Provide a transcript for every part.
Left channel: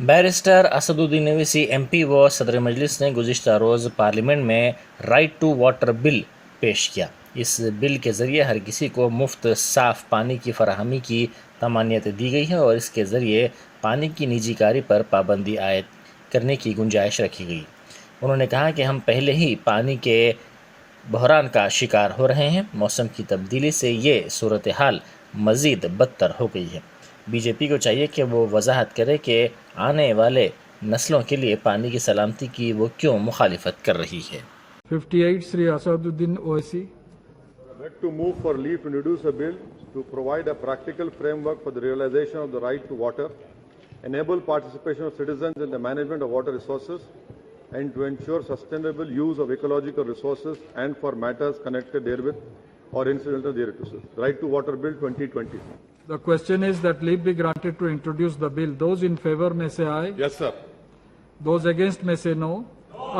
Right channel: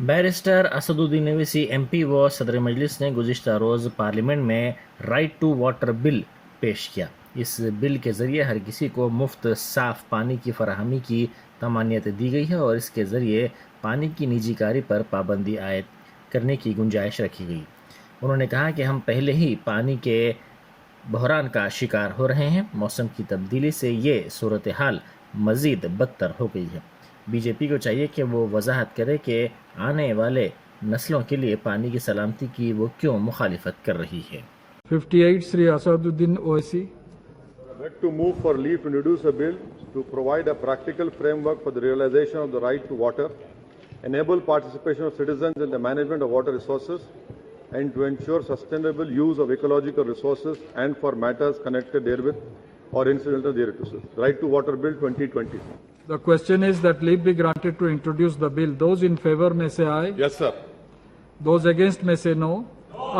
Barrister Asaduddin Owaisi MP व सदर मजलिस ने गुज़िश्ता रोज़ पार्लियामेंट में राइट टू वाटर बिल पेश किया। इस बिल के ज़रिए हर किसी को मुफ्त साफ़ पानी की फराहमी की तमानियत दी गई है और इसके ज़रिए पानी की निजीकारी पर पाबंदी आयद करने की गुंजाइश रखी गई। उन्होंने कहा कि हम पहले ही पानी के बहरान का शिकार हो रहे हैं। मौसम की तब्दीली से ये सूरत हाल मज़ीद बदतर हो गई है। BJP को चाहिए कि वो वजाहत करे कि आने वाले नस्लों के लिए पानी की सलामती की वो क्यों मुखालिफत कर रही है। 58 Sri Asaduddin Owaisi. I beg to move for leave to introduce a bill to provide a practical framework for the realization of the right to water, enable participation of citizens in the management of water resources, and to ensure sustainable use of ecological resources and for matters connected therewith or incidental thereto. Right to Water Bill 2020. The question is that leave be granted to introduce the bill. Those in favor may say aye. Yes, sir. Those against may say no.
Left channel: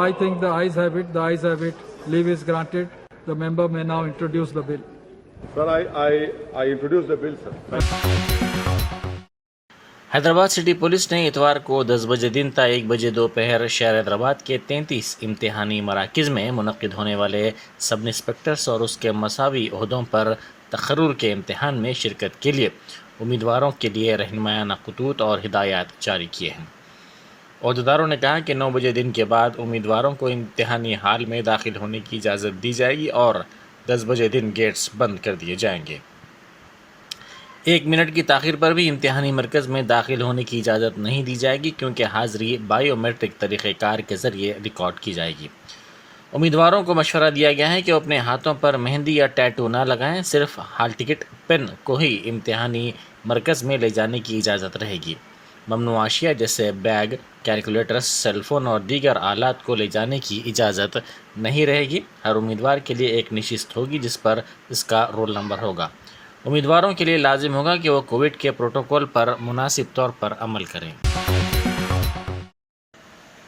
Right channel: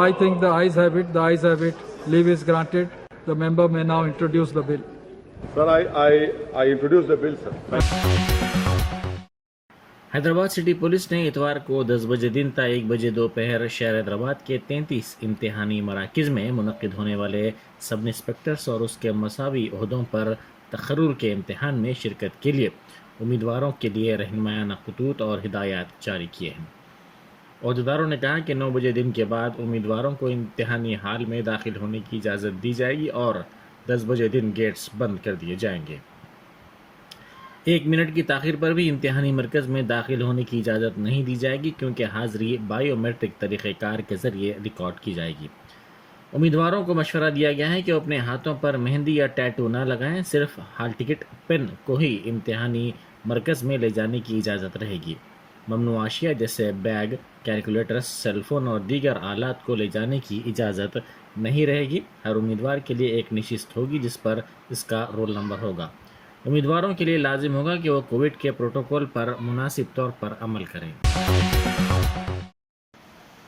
I think the ayes have it. The ayes have it. Leave is granted. The member may now introduce the bill. Sir, I introduce the bill, sir. Hyderabad city police ने इतवार को 10 बजे दिन ता 1 बजे दोपहर शहर हैदराबाद के 33 इम्तिहानी मराकिज़ में मुनक्किद होने वाले सब इंस्पेक्टर्स और उसके मसावी ओहदों पर तखर्रुर के इम्तिहान में शिरकत के लिए उम्मीदवारों के लिए रहनुमायाना खतूत और हिदायत जारी किए हैं। ओहदेदारों ने कहा कि 9 बजे दिन के बाद उम्मीदवारों को इम्तिहानी हाल में दाखिल होने की इजाज़त दी जाएगी और 10 बजे दिन गेट्स बंद कर दिए जाएंगे। 1 मिनट की ताख़ीर पर भी इम्तिहानी मरकज़ में दाखिल होने की इजाज़त नहीं दी जाएगी क्योंकि हाज़री बायोमेट्रिक तरीक़ेकार के ज़रिए रिकॉर्ड की जाएगी। उम्मीदवारों को मशवरा दिया गया है कि वो अपने हाथों पर मेहंदी या टैटू ना लगाएं। सिर्फ हाल टिकट पेन को ही इम्तिहानी मरकज़ में ले जाने की इजाज़त रहेगी। ममनू आशिया जैसे बैग, कैलकुलेटर्स, सेलफोन और दीगर आलात को ले जाने की इजाज़त नहीं रहेगी। हर उम्मीदवार के लिए एक नशिस्त होगी जिस पर इसका रोल नंबर होगा। उम्मीदवारों के लिए लाजिम होगा कि वो कोविड के प्रोटोकॉल पर मुनासिब तौर पर अमल करें।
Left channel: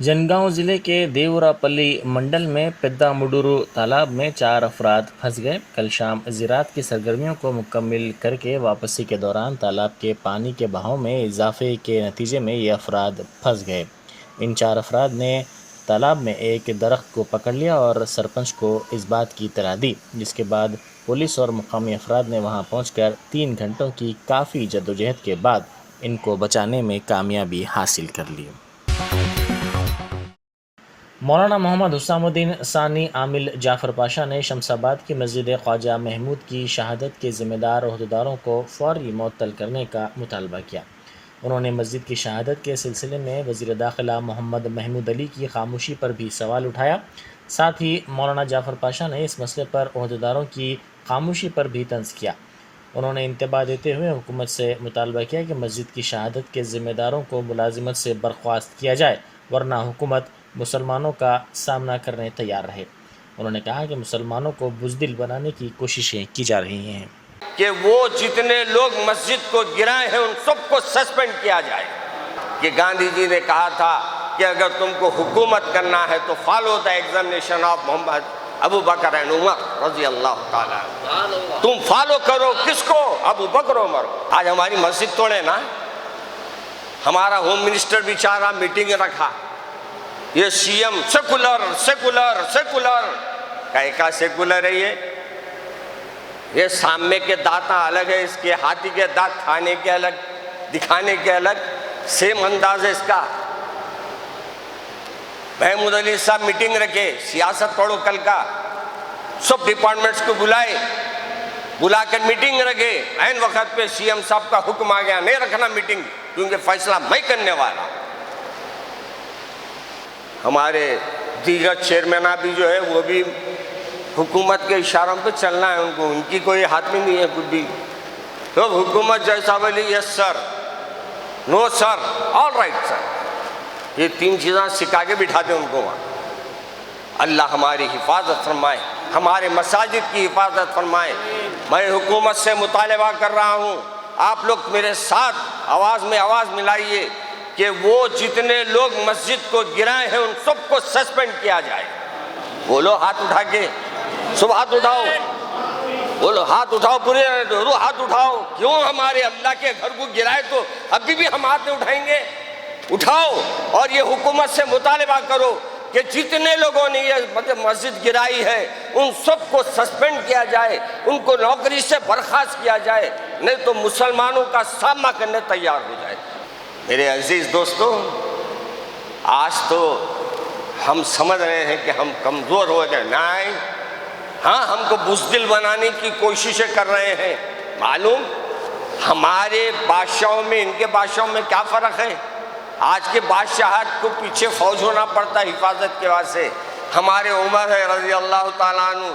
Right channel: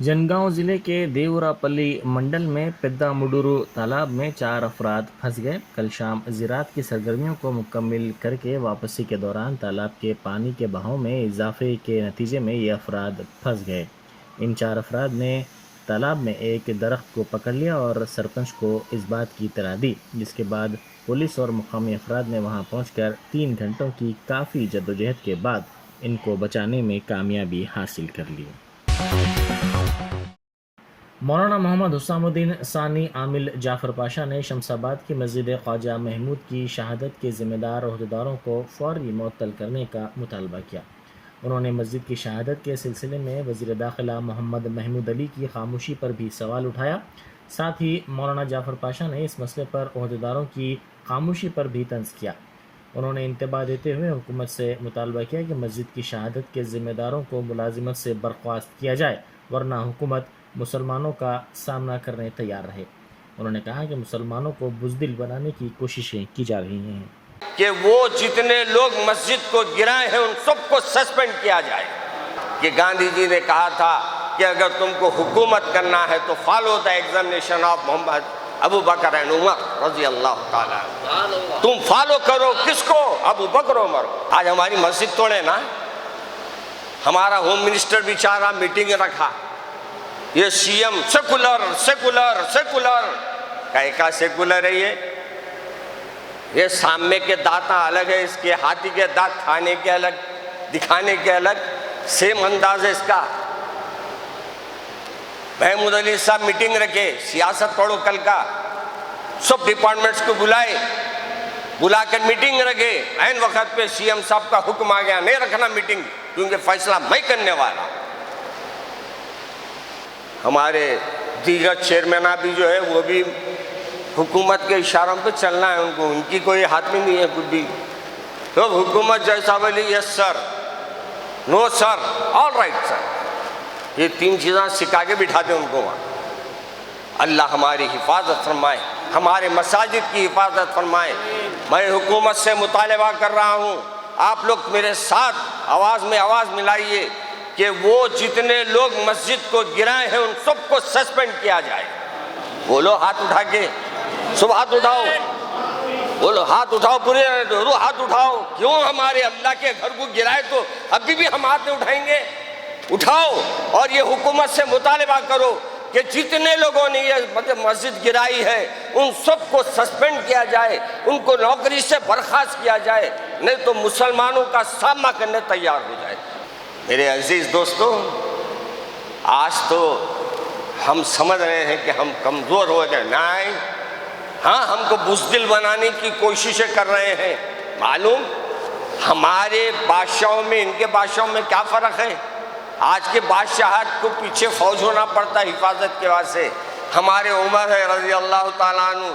जनगांव ज़िले के देवरापल्ली मंडल में पेद्दामुडुरु तालाब में 4 अफराद फंस गए। कल शाम ज़राअत की सरगर्मियों को मुकम्मिल करके वापसी के दौरान तालाब के पानी के बहाव में इजाफे के नतीजे में ये अफराद फंस गए। इन 4 अफराद ने तालाब में एक दरख्त को पकड़ लिया और सरपंच को इस बात की इत्तला दी, जिसके बाद पुलिस और मुकामी अफराद ने वहां पहुंचकर 3 घंटों की काफ़ी जद्दोजहद के बाद इनको बचाने में कामयाबी हासिल कर ली। मौलाना मोहम्मद हुसामुद्दीन सानी आमिल जाफ़र पाशा ने शमसाबाद की मस्जिद ख्वाजा महमूद की शहादत के ज़िम्मेदार ओहदेदारों को फ़ौरी मुअत्तल करने का मुतालबा किया। उन्होंने मस्जिद की शहादत के सिलसिले में वज़ीर दाखिला मोहम्मद महमूद अली की खामोशी पर भी सवाल उठाया। साथ ही मौलाना जाफ़र पाशा ने इस मसले पर ओहदेदारों की खामोशी पर भी तंज़ किया। उन्होंने इंतबाह देते हुए हुकूमत से मुतालबा किया कि मस्जिद की शहादत के ज़िम्मेदारों को मुलाजिमत से बर्खास्त किया जाए, वरना हुकूमत मुसलमानों का सामना करने तैयार रहे। उन्होंने कहा कि मुसलमानों को बुज़दिल बनाने की कोशिशें की जा रही हैं कि वो जितने लोग मस्जिद को गिराए हैं उन सबको सस्पेंड किया जाए। कि गांधी जी ने कहा था कि अगर तुमको हुकूमत करना है तो follow the examination of Muhammad Abu Bakr and Umar रज़ी अल्लाह ताला। तुम फॉलो करो किसको? अबू बकर उमर। आज हमारी मस्जिद तोड़े ना, हमारा होम मिनिस्टर बेचारा मीटिंग रखा, ये CM सेकुलर सेकुलर सेकुलर। का सेकुलर है ये सामने के दांत अलग है, इसके हाथी के दांत खाने के अलग, दिखाने के अलग, सेम अंदाज है इसका। महमूद अली साहब मीटिंग रखे, सियासत पढ़ो कल का, सब डिपार्टमेंट्स को बुलाकर मीटिंग रखे। ऐन वक्त पे CM साहब का हुक्म आ गया नहीं रखना मीटिंग, क्योंकि फैसला मैं करने वाला। हमारे दीगर चेयरमैन भी जो है वो भी हुकूमत के इशारों पे चलना है उनको, उनकी कोई हाथ में नहीं है कुछ भी। तो हुकूमत जैसा बोली yes sir, no sir, all right sir, ये 3 चीज़ें सिखा के बिठाते उनको वहाँ। अल्लाह हमारी हिफाजत फरमाए, हमारे मसाजिद की हिफाजत फरमाए। मैं हुकूमत से मुतालबा कर रहा हूँ, आप लोग मेरे साथ आवाज़ में आवाज़ मिलाइए कि वो जितने लोग मस्जिद को गिराए हैं उन सबको सस्पेंड किया जाए। बोलो हाथ उठा के, सब हाथ उठाओ, बोलो हाथ उठाओ, पूरे हाथ उठाओ। क्यों हमारे अल्लाह के घर को गिराए तो अभी भी हम हाथ नहीं उठाएंगे? اٹھاؤ اور یہ حکومت سے مطالبہ کرو کہ جتنے لوگوں نے یہ مسجد گرائی ہے ان سب کو سسپینڈ کیا جائے، ان کو نوکری سے برخاست کیا جائے، نہیں تو مسلمانوں کا سامنا کرنے تیار ہو جائے۔ میرے عزیز دوستو، آج تو ہم سمجھ رہے ہیں کہ ہم کمزور ہو گئے، نہیں، ہاں ہم کو بزدل بنانے کی کوششیں کر رہے ہیں۔ معلوم ہمارے بادشاہوں میں ان کے بادشاہوں میں کیا فرق ہے؟ آج کے بادشاہت کو پیچھے فوج ہونا پڑتا ہے حفاظت کے واسطے، ہمارے عمر ہے رضی اللہ تعالیٰ عنہ۔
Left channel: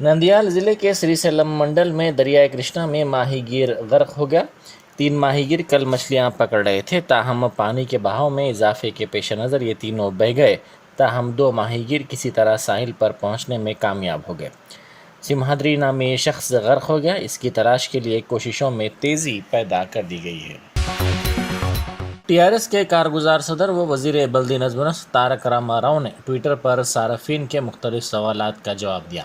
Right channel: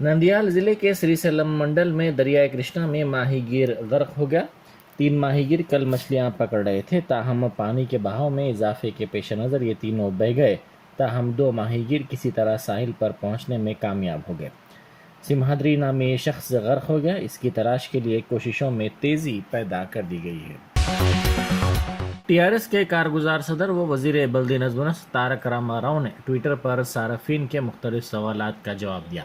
نندیال ضلع کے سری سیلم منڈل میں دریائے کرشنا میں ماہی گیر غرق ہو گیا۔ 3 ماہی گیر کل مچھلیاں پکڑ رہے تھے، تاہم پانی کے بہاؤ میں اضافے کے پیش نظر یہ تینوں بہہ گئے، تاہم 2 ماہی گیر کسی طرح ساحل پر پہنچنے میں کامیاب ہو گئے۔ سمہادری نامی شخص غرق ہو گیا، اس کی تلاش کے لیے کوششوں میں تیزی پیدا کر دی گئی ہے۔ TRS کے کارگزار صدر و وزیر بلدی نظم و نسق تارک راما راؤ نے ٹویٹر پر صارفین کے مختلف سوالات کا جواب دیا۔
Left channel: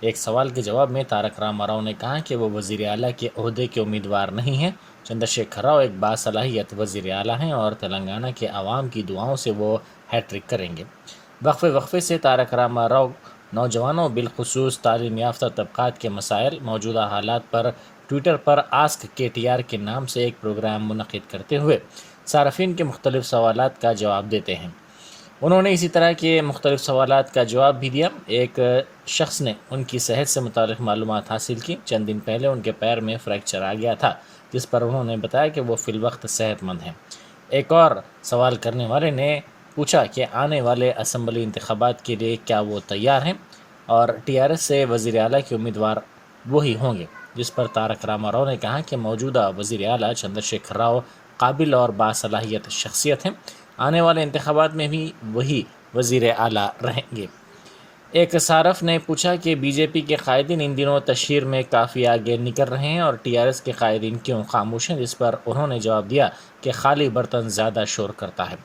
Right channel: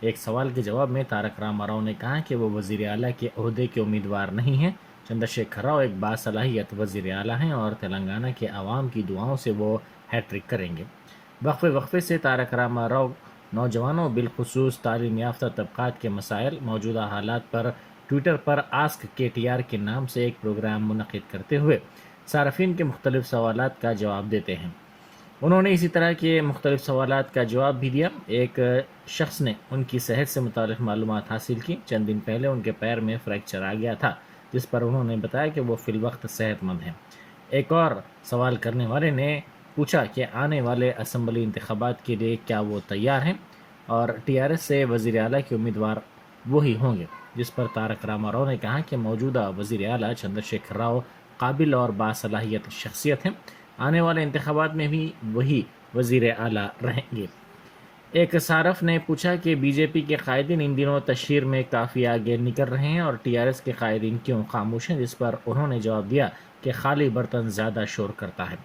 ایک سوال کے جواب میں تارک راما راؤ نے کہا کہ وہ وزیر اعلیٰ کے عہدے کے امیدوار نہیں ہیں۔ چندر شیکھر راؤ ایک باصلاحیت وزیر اعلیٰ ہیں اور تلنگانہ کے عوام کی دعاؤں سے وہ ہیٹرک کریں گے۔ وقفے سے تارک راما راؤ نوجوانوں بالخصوص تعلیم یافتہ طبقات کے مسائل، موجودہ حالات پر ٹویٹر پر آسک KTR کے نام سے ایک پروگرام منعقد کرتے ہوئے صارفین کے مختلف سوالات کا جواب دیتے ہیں۔ انہوں نے اسی طرح کے مختلف سوالات کا جواب بھی دیا۔ ایک شخص نے ان کی صحت سے متعلق معلومات حاصل کی۔ چند دن پہلے ان کے پیر میں فریکچر آ گیا تھا، جس پر انہوں نے بتایا کہ وہ فی الوقت صحت مند ہیں۔ ایک اور سوال کرنے والے نے پوچھا کہ آنے والے اسمبلی انتخابات کے لیے کیا وہ تیار ہیں اور TRS سے وزیر اعلیٰ کے امیدوار وہی ہوں گے، جس پر تارک راما راؤ نے کہا کہ موجودہ وزیر اعلیٰ چندر شیکھر راؤ قابل اور باصلاحیت شخصیت ہیں، آنے والے انتخابات میں بھی وہی وزیر اعلیٰ رہیں گے۔ ایک صارف نے پوچھا کہ BJP کے قائدین ان دنوں تشہیر میں کافی آگے نکل رہے ہیں اور TRS کے قائدین کیوں خاموش ہیں، جس پر انہوں نے جواب دیا کہ خالی برتن زیادہ شور کرتا ہے۔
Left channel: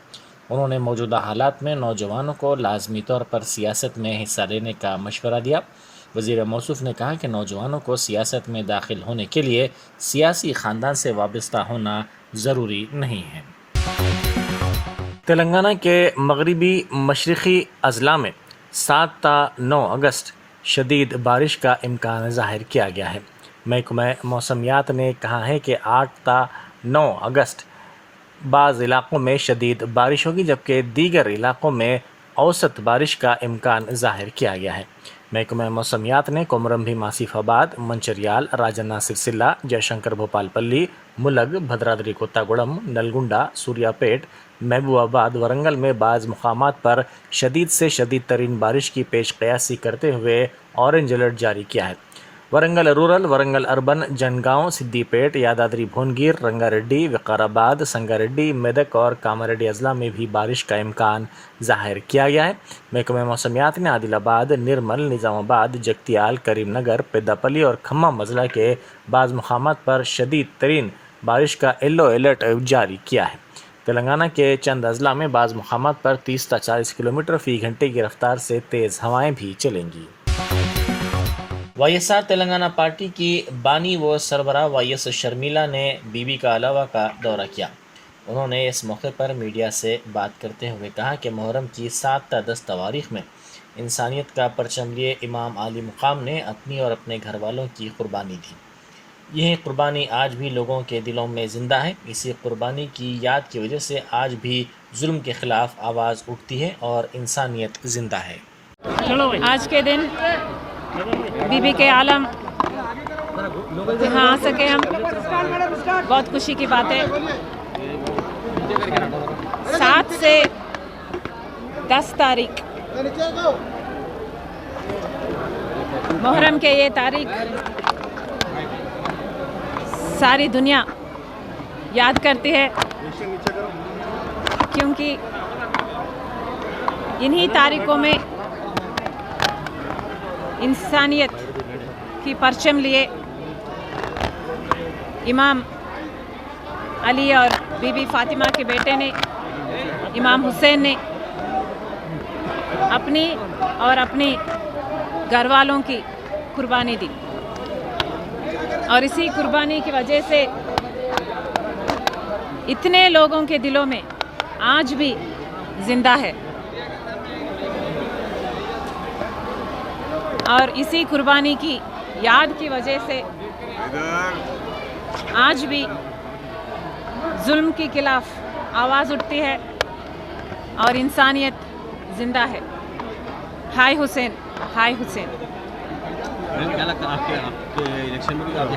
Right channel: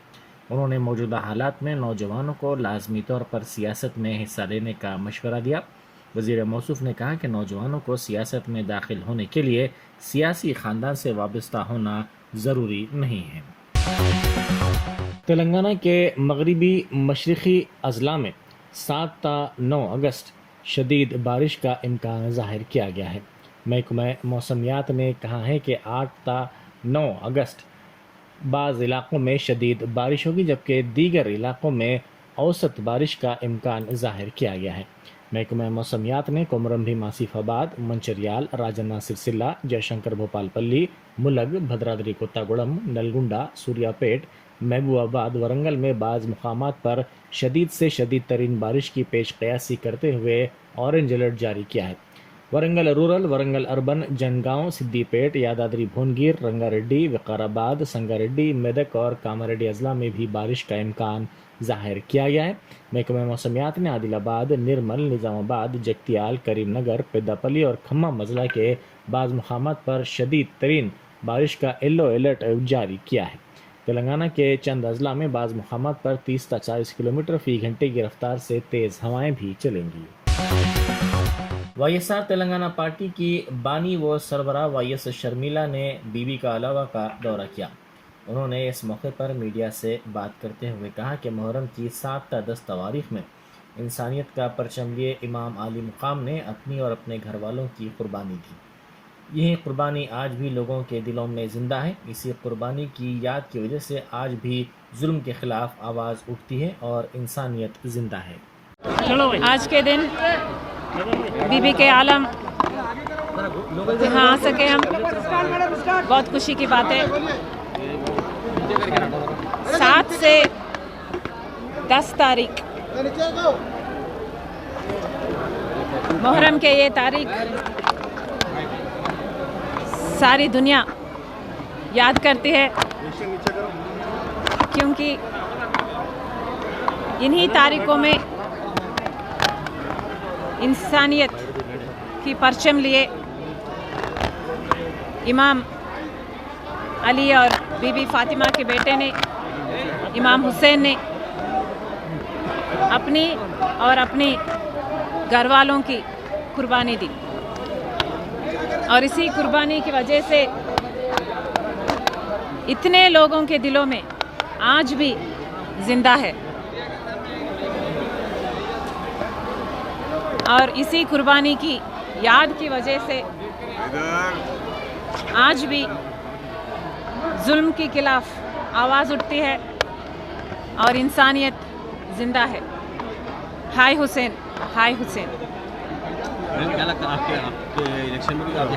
انہوں نے موجودہ حالات میں نوجوانوں کو لازمی طور پر سیاست میں حصہ لینے کا مشورہ دیا۔ وزیر موصوف نے کہا کہ نوجوانوں کو سیاست میں داخل ہونے کے لیے سیاسی خاندان سے وابستہ ہونا ضروری نہیں ہے۔ تلنگانہ کے مغربی مشرقی اضلاع میں 7 تا 9 اگست شدید بارش کا امکان ظاہر کیا گیا ہے۔ محکمہ موسمیات نے کہا ہے کہ 8 تا 9 اگست بعض علاقوں میں شدید بارش ہوگی، جبکہ دیگر علاقوں میں اوسط بارش کا امکان ظاہر کیا گیا ہے۔ محکمہ موسمیات نے کومرمبھی ماسیف آباد، منچریال، راجنا سرسلہ، جے شنکر بھوپال پلی، ملگ، بھدرادری کوتاگوڑم، نلگنڈا، سوریا پیٹ، محبوب آباد، ورنگل میں بعض مقامات پر شدید سے شدید ترین بارش کی پیش قیاسی کرتے ہوئے اورنج الرٹ جاری کیا ہے۔ ورنگل رورل، ورنگل اربن، جنگاؤں، سدی پیٹ، یادادری بھونگیر، رنگا ریڈی، وقارآباد، سنگا ریڈی، میدک اور کاماریڈی اضلاع میں بھی بارش کا امکان ظاہر کیا گیا ہے۔ محکمہ موسمیات نے عادل آباد، نرمل، نظام آباد، جگتیال، کریم نگر، پیداپلی اور کھمم اضلاع کے بعض مقامات پر شدید ترین بارش کا یلو الرٹ جاری کیا ہے۔ تلنگانہ کے چند اضلاع میں بعض مقامات پر 30 تا 40 کلومیٹر فی گھنٹے کی رفتار سے تیز ہوائیں بھی چلیں گی۔ YSR تلنگانہ پارٹی کی بانی و سربراہ YS شرمیلا نے BB کا علاوہ کا دورہ کیا۔ انہوں نے اس موقع پر میڈیا سے بات کرتے ہوئے کہا کہ محرم کی 7 تا 10 تواریخ میں انسانیت کا پرچم لیے امام عالی مقام نے اپنی اور اپنے گھر والوں کی قربانی دی۔ یہ قربانی آج بھی لوگوں کے دلوں میں زندہ ہے۔ اسی قربانی کی یاد کی وجہ سے آج بھی ظلم کے خلاف آواز اٹھتی ہے اور انسانیت زندہ ہے۔ آج کے دن BB کے عالم یہاں آ سکے ہم، بہت خوشی کی بات ہے۔ 7 سے 10 تاریخ محرم کے یہ تاریخ ساری دنیا یاد کرتی ہے، کیونکہ انہی تاریخوں میں انسانیت کی پرچم لیے امام علی اور BB فاطمہ کے بیٹے نے، امام حسین نے اپنی اور اپنی گھر والوں کی قربانی دی، اور اسی قربانی کی وجہ سے इतने लोगों के दिलों में आज भी जिंदा है और इसी कुर्बानी की याद की वजह से आज भी जुल्म के खिलाफ आवाज़ उठती है और इंसानियत जिंदा है। हाय हुसैन, हाय हुसैन। क्या लगता है आपके इलेक्शन में भी आप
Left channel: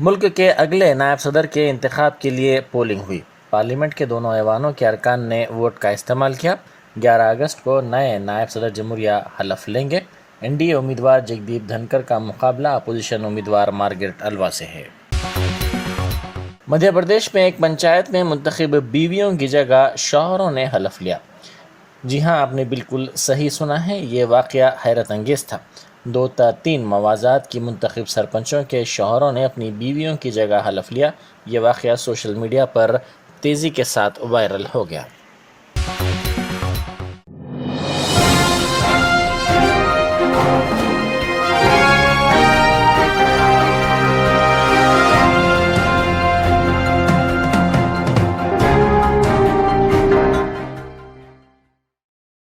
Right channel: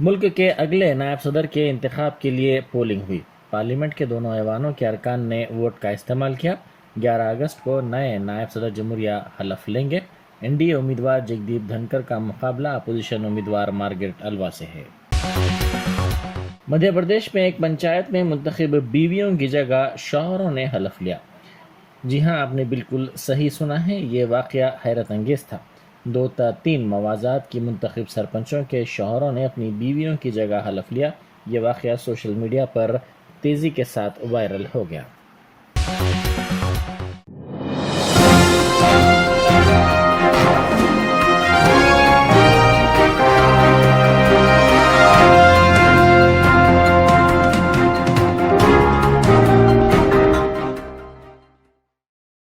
मुल्क के अगले नायब सदर के इंतखाब के लिए पोलिंग हुई। पार्लियामेंट के दोनों ऐवानों के अरकान ने वोट का इस्तेमाल किया। 11 अगस्त को नए नायब सदर जमहूरिया हलफ लेंगे। एनडीए उम्मीदवार जगदीप धनकर का मुकाबला अपोजिशन उम्मीदवार मार्गरेट अलवा से है। मध्य प्रदेश में एक पंचायत में मुंतखब बीवियों की जगह शौहरों ने हलफ लिया। जी हाँ, आपने बिल्कुल सही सुना है, ये वाक़या हैरत अंगेज़ था। 2 या 3 मवाज़ात की मुंतखब सरपंचों के शौहरों ने अपनी बीवियों की जगह हलफ लिया। ये वाक़या सोशल मीडिया पर तेज़ी के साथ वायरल हो गया।